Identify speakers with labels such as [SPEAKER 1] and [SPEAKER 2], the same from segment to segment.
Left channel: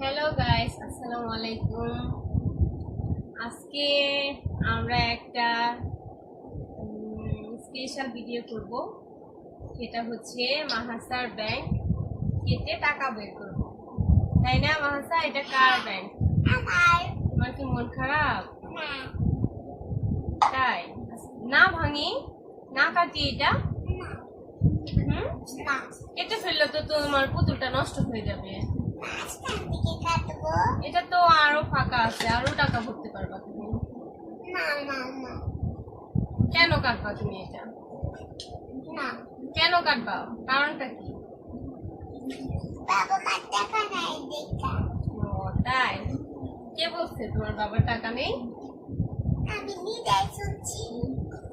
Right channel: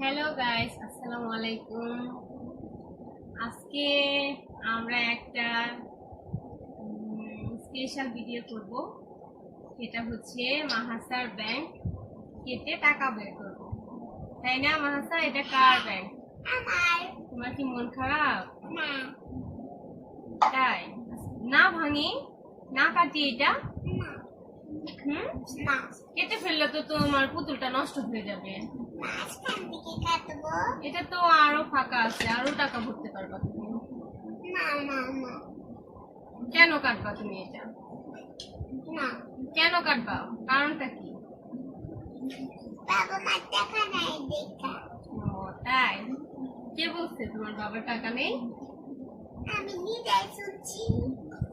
[SPEAKER 1] Hello guys আসসালামু আলাইকুম আজকে আমরা একটা স্পেশাল ভিডিও করব। সেটা হচ্ছে মাহাসার ব্যাংক কেটে টাকা বের করব। তাই না মাহাসা? এটা কার ব্যাংক
[SPEAKER 2] আমার
[SPEAKER 1] তোমার কি মন খারাপ? তাই। না ভাঙি না কাটি এটা? কেটে ফেললে তো তোমার পুতুলটা নষ্ট হয়ে যাবে। এটা তো আরও ফাঁকা আছে আরও টাকা ভরতে পারবা তুমি।
[SPEAKER 2] না না না
[SPEAKER 1] কেন কাটবা তুমি এটা?
[SPEAKER 2] না
[SPEAKER 1] কেন কাটবা? কারণটা কি?
[SPEAKER 2] বাবা মার টাকা নাই দেখা
[SPEAKER 1] ও তাই? কে বলছে তোমার বাবার টাকা নেই?
[SPEAKER 2] আমি নিজেই শুনছি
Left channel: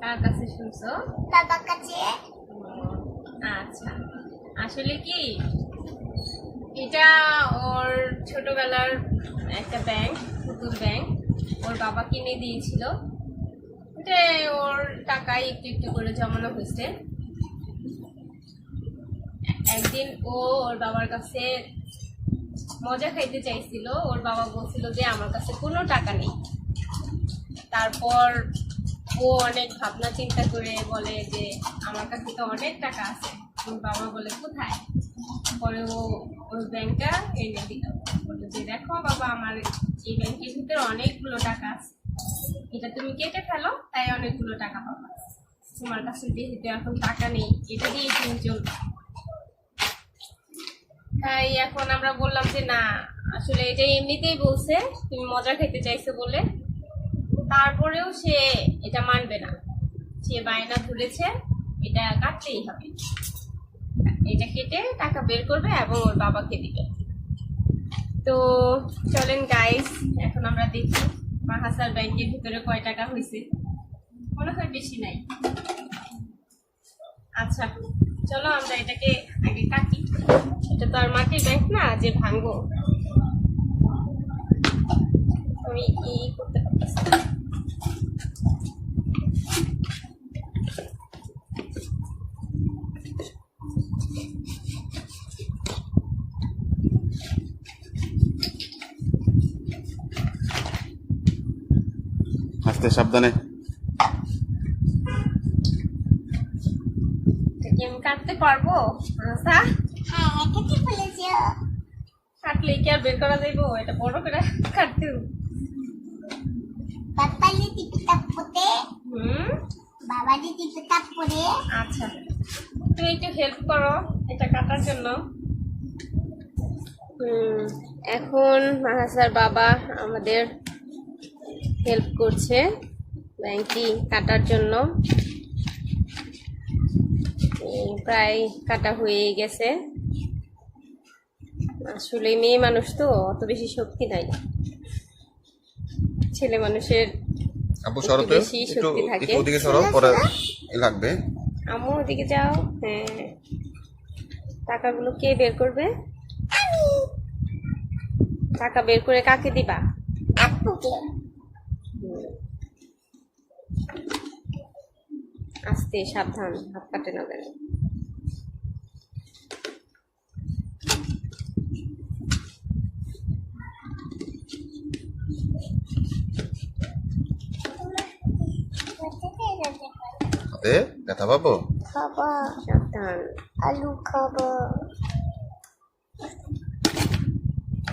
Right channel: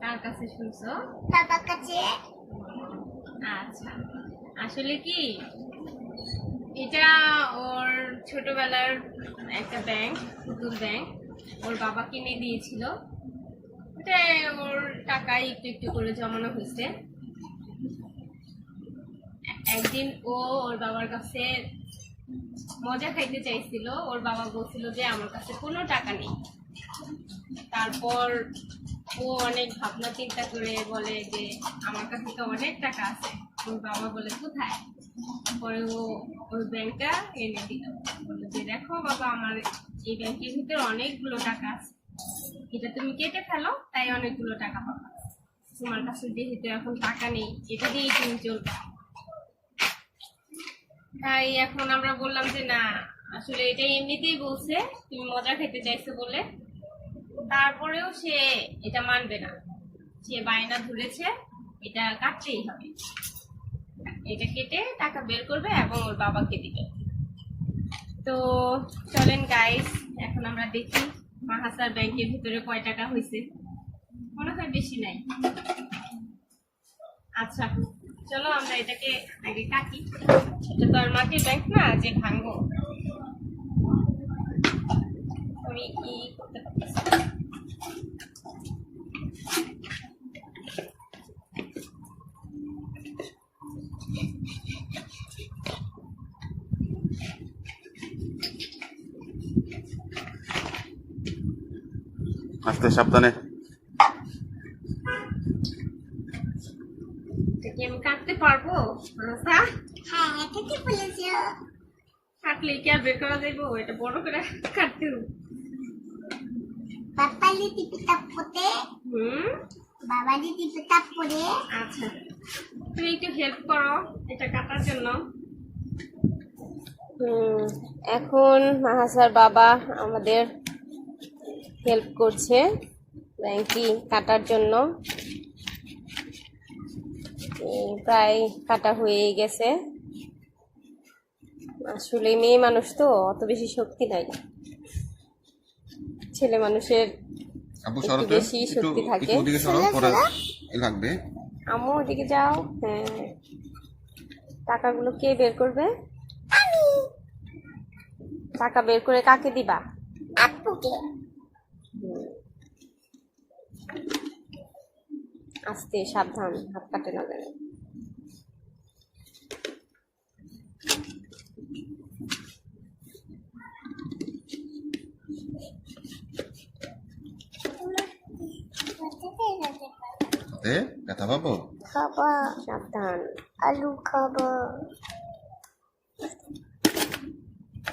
[SPEAKER 1] কার কাছে শুনছো?
[SPEAKER 2] বাবার কাছে।
[SPEAKER 1] আচ্ছা। আসলে কি? এটা ওর ছোটবেলার একটা ব্যাংক পুতুল ব্যাংক ওর বাবা কিনে দিয়েছিল। ওটা ওর টাকায় একটু একটু করে জমানো হয়েছে। একদিন ও ওর বাবার কাছে মজা খাইতে চাইছিল। ওর বাবা বলছিল যে, আমার কাছে কোনো টাকা নেই। তারপর ও অনেক ভাবনা চিন্তা করে বলে যে, আমার কাছে তো অনেক টাকা আছে। ওর বাবা বলে, কোথায়? পরে ও ওই ব্যাংকটা এনে দিল। বলে যে, দেখো বাবা, আমার এই ব্যাংকের ভিতরে অনেকগুলো টাকা আছে। এটা তুমি কেটে ফেলো, তাই অনেকগুলো টাকা পাবা। তোমার কাছে যেহেতু এখন টাকা নেই, এটা দিয়েই তুমি চলবে। তাই এখন আমরা বললাম যে, না, আসলে এটা এমনিতেই বলছে, তুমি মজা খেতে চাইছো বলে। তারপরেও সে এটা মানবে না। সে বায়না ধরেছে, এটা কাটতেই হবে। এটা কেটে টাকা বের করবে এবং ওর বাবাকে দিবে। তো চলেন গাইস এখন আমরা দেখি মাহাসার ব্যাংকের ভিতরে কয় টাকা হয়েছে মনে হয় বেশি নাই। আচ্ছা চলো আমরা এটাকে আগে কাটি। এটা তো আর মাটির ব্যাংক না, যে ভাঙবো। আমি কি করতে পারতেছি?
[SPEAKER 3] আস্তে সাবধানে।
[SPEAKER 1] আমি কাটতে পারব মাহাসা
[SPEAKER 2] হ্যাঁ বলেছ।
[SPEAKER 1] কাটলে কি আর বের করা যাইবো? এটা বড় করে কাটতে হবে।
[SPEAKER 2] বাবা পিতা
[SPEAKER 1] হুম?
[SPEAKER 2] পিতা পরে
[SPEAKER 1] আচ্ছা। তুমি একটু হেল্প করো এটা কাটার জন্য। এখন মাহাসার বাবা আমাদের হেল্প করছে ব্যাংকি কাটার জন্য। প্রায় কাটা হয়ে গেছে। আসলে মেয়ে মানুষ তো অত বেশি শক্তি নাই। ছেলে মানুষের বেশি শক্তি থাকে।
[SPEAKER 3] লাগবে।
[SPEAKER 1] আম্মু ওদিকে যাও। হ্যাঁ। টাকাগুলো কে বের করবে? টাকা বের করে কাকে দিবা?
[SPEAKER 2] আপুকে।
[SPEAKER 1] আস্তে সাবধান হাত কাটে না যেন।
[SPEAKER 3] হাতে ব্যথা পাবো?
[SPEAKER 2] খাবা।
[SPEAKER 1] সাবধান।
[SPEAKER 2] আলু খাব।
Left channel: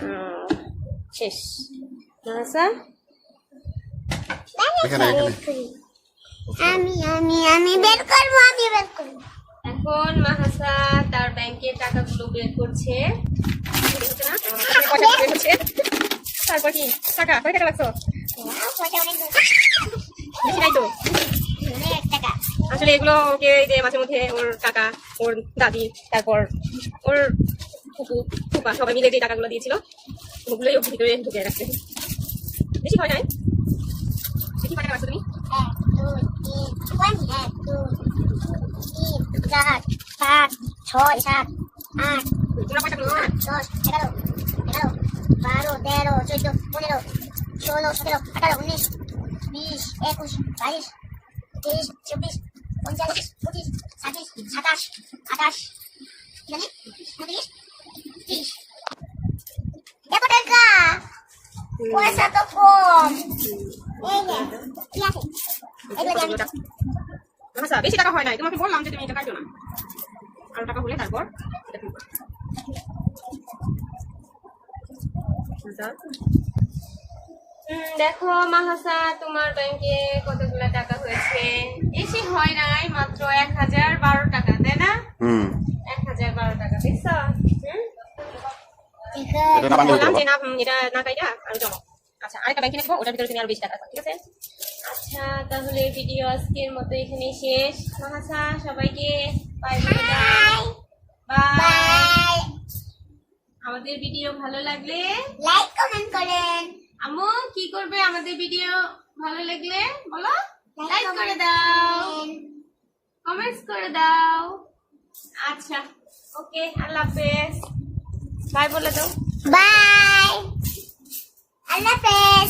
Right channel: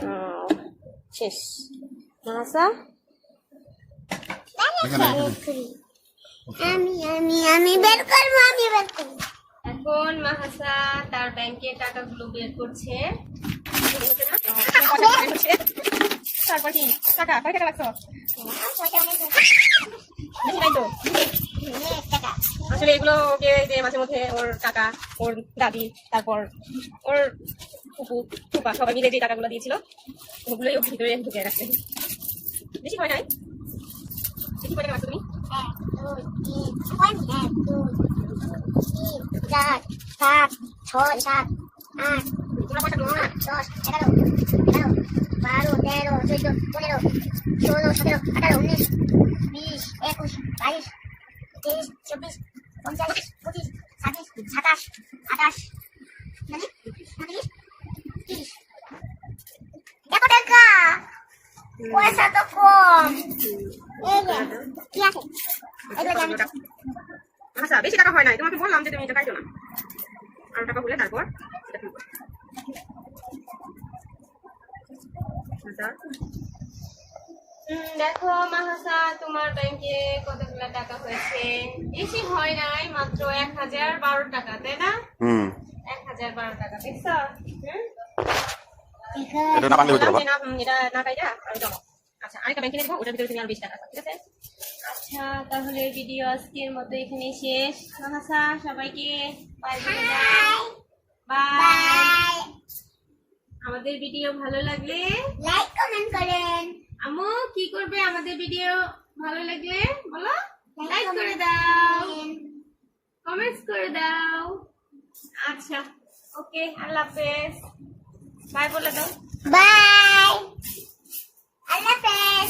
[SPEAKER 1] হুম, শেষ।
[SPEAKER 3] এখানে
[SPEAKER 2] আমি আমি আমি বের করব আমি বের করব।
[SPEAKER 1] এখন মাহাসা তার ব্যাংকের টাকাগুলো বের করছে। তারপর কি টাকা কয় টাকা লাগছো বেশি নাই তো আসলে এগুলো ওকে যে মাঝে মধ্যে ওর কাকা ওর দাদি তারপর ওর ফুপু ফুপা সবাই মিলে যে টাকাগুলো দিয়েছিল, ওগুলোই ওর ভিতরে ঢুকে রাখছে বেশি হয় নাই? বেশি টাকা রাখছো তুমি?
[SPEAKER 2] চার, পাঁচ, ছয়, সাত, আট দশ, এগারো এগারো বারো তেরো চোদ্দ পনেরো ষোলো সতেরো আঠারো উনিশ, বিশ, একুশ, বাইশ, তেইশ, চব্বিশ, পঞ্চাশ, পঁচিশ ছাব্বিশ সাতাশ, আঠাশ উনত্রিশ পয়সা তো কম।
[SPEAKER 1] আচ্ছা বেশি টাকা হয় নাই। তোমাকে বললাম যে তুমি এটা কাটো না। আরও টাকা হলে তারপর দেখো মাহসা তোমার ব্যাংকে কতগুলো টাকা হয়েছে? বেশি হয় নাই মাত্র এক হাজার বারো টাকা তাই না? এক হাজার বারো টাকা দেখছ?
[SPEAKER 3] এটা না বাংলা হইতো
[SPEAKER 1] এটা না কাইটা আরও জমা। আচ্ছা আরেকটা ব্যাংকে নিয়ে যাব ওটার ভিতরে তুমি আরও বেশি টাকা ঠিক আছে? আচ্ছা তাহলে ভিডিও আজকের মতো এখানে শেষ। মাহাসা সবাইকে বাই বাই আমাদের ভিডিও ভালো লাগলে
[SPEAKER 2] লাইক কমেন্ট করেন।
[SPEAKER 1] আম্মু কি করবে আমাদের ভিডিও ভালো লাগলে? বলো। লাইক করে দাও। কমেন্টস করে দাও। আচ্ছা ওকে আল্লাহ হাফেজ। বাই বলে দাও।
[SPEAKER 2] বাই আল্লাহ হাফেজ